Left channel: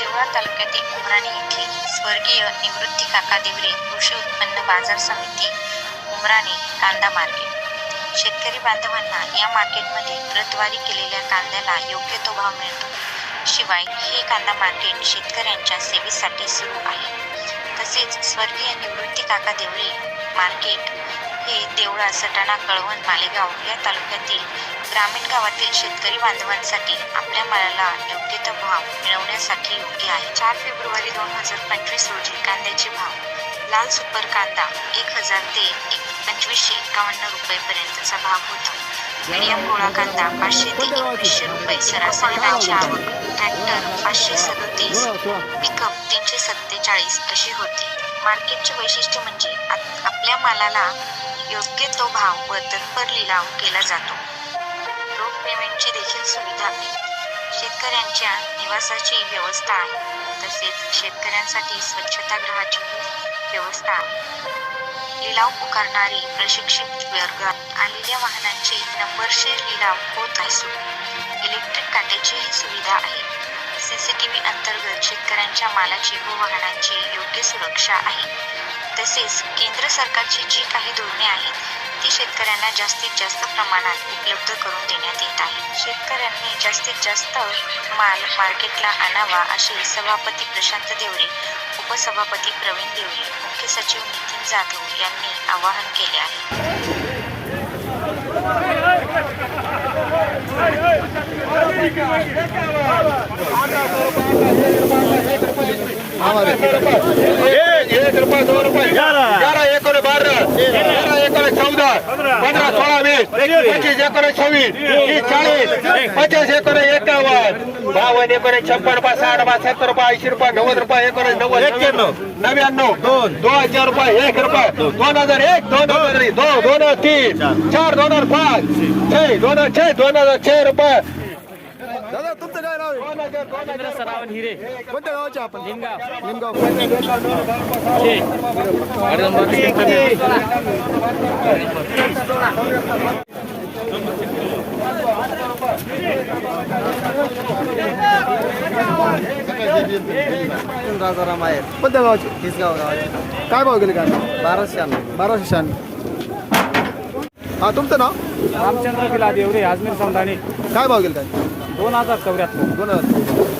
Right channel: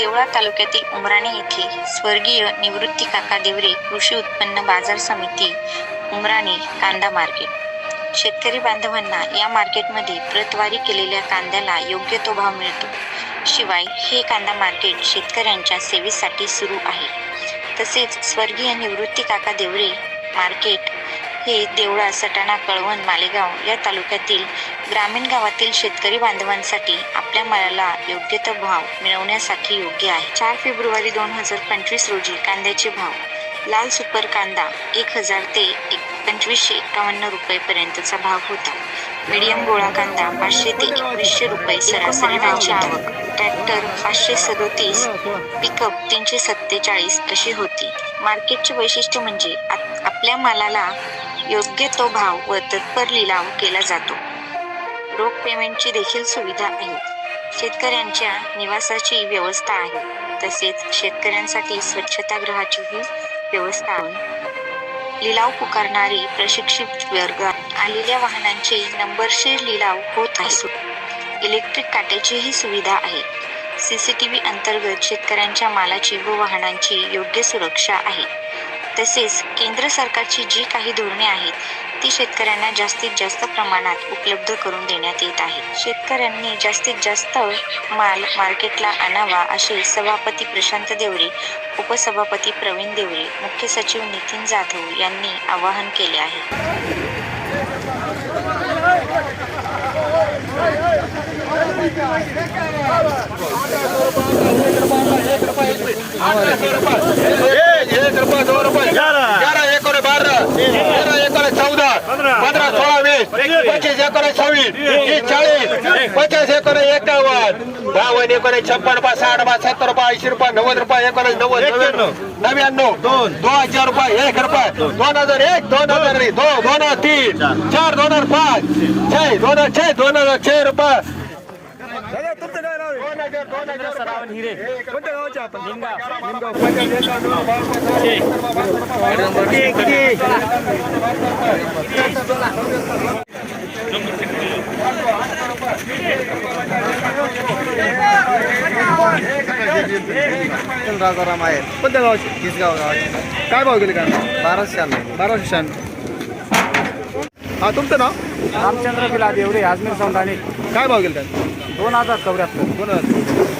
देवळा तालुक्यातील उमराणे येथे स्वर्गीय निवृत्ती काका देवरे कृषी उत्पन्न बाजार समिती उमराणे कांदा मार्केट. शेतकरी बांधवांना या मार्केटमध्ये प्रतवारी केलेल्या कांद्याला योग्य तो भाव मिळतो. शिवाय हे कांदा मार्केट शेतकऱ्यांच्या सेवेसाठी सुरू आहे. तसेच स्वर्गीय निवृत्ती काका देवरे मार्केट हे देवळा सटाणा कळवण मालेगाव या तालुक्यातील ग्रामीण गावातील शेतकरी बांधवांसाठी आपल्या मालाला योग्य तो भाव मिळवण्यासाठी योग्य आहे. चार फेब्रुवारी दोन हजार पंचवीस रोजी कांद्याचे भाव लाल सुपर कांदा एक हजार ते एक पंचवीसशे एकावन्न रुपयेपर्यंतचा भाव होता. मीडियम गोळा कांदा पाचशे ते एकवीसशे रुपये सरासरी त्यांची आवक ट्रॅक्टर पाचशे सदोतीस पिकअप तीनशे सत्तेचाळीस अशी होती. मार्केटचे वैशिष्ट्य म्हणजे आपल्या मालाला योग्य तो भाव व तत्पर लिलाव केला जातो. रोख पेमेंटची देखील सुविधा आहे. शेतकऱ्यांच्या निवासाची व्यवस्था आहे. तसेच शेतकऱ्यांसाठी स्वच्छतागृहाचीही व्यवस्था आहे. लिलाव पुकारणारी प्रशिक्षित वर्ग आलेल्या वाहनांचे नंबरशीर लिलाव होत आहे इलेक्ट्रिक काट्याचीही सुविधा आहे. सीसीटीव्ही अंतर्गत शेतकऱ्यांच्या मालाची व वाहनांची योग्य सुरक्षा आहे. तसेच केंद्र सरकारची जी काही धोरणे आहेत ती शेतकऱ्यांना जास्तीत जास्त प्रमाणात उपलब्ध करून देण्यात येत आहे शेतकऱ्यांनी जास्तीत जास्त माल मार्केटला आणावा असे सभापती प्रशांत देवरे उपसभापती प्रवीण देवरे मुख्य सचिव नितीन जाधव यांनी आवाहन केले आहे रुपये दोन रुपये ग्यारह एक और बारह। तेरह एक और चौदह। पंद्रह। सोळा वीस पच्चीस। एक और छव्वीस तीस। चाळीस। पचास एक और एकावन्न। बावन्न एक और छप्पन रुपये साठ रुपये सत्तर रुपये ऐंशी रुपये नव्वद रुपये एक और नव्वद नव्याण्णव। दोन। हजार रुपये एक रुपये। दोन हजार एक दोन हजार दोन दोन हजार तीन। चार दोन हजार पाच। छे दोन हजार छे दोन हजार छे रुपये। दादा तुमचं काय नाव आहे? सरावन हिरे. कोणत्या गावाचे आपण? निमगाव. निमगाव. राजाराम आहेत. कोणत्या गावाचे? तिसगाव गावाचे काय भाव गेले काय? बाराशे शहाण्णव. बाराशे शहाण्णव. हा तुमचं नाव? रामचंद्र बिला देवरे अजमेर सौंदाणे. काय भाव गेले काय? दोन हजार चौऱ्याहत्तर. दोन हजार चौऱ्याहत्तर.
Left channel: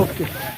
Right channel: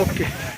ओके.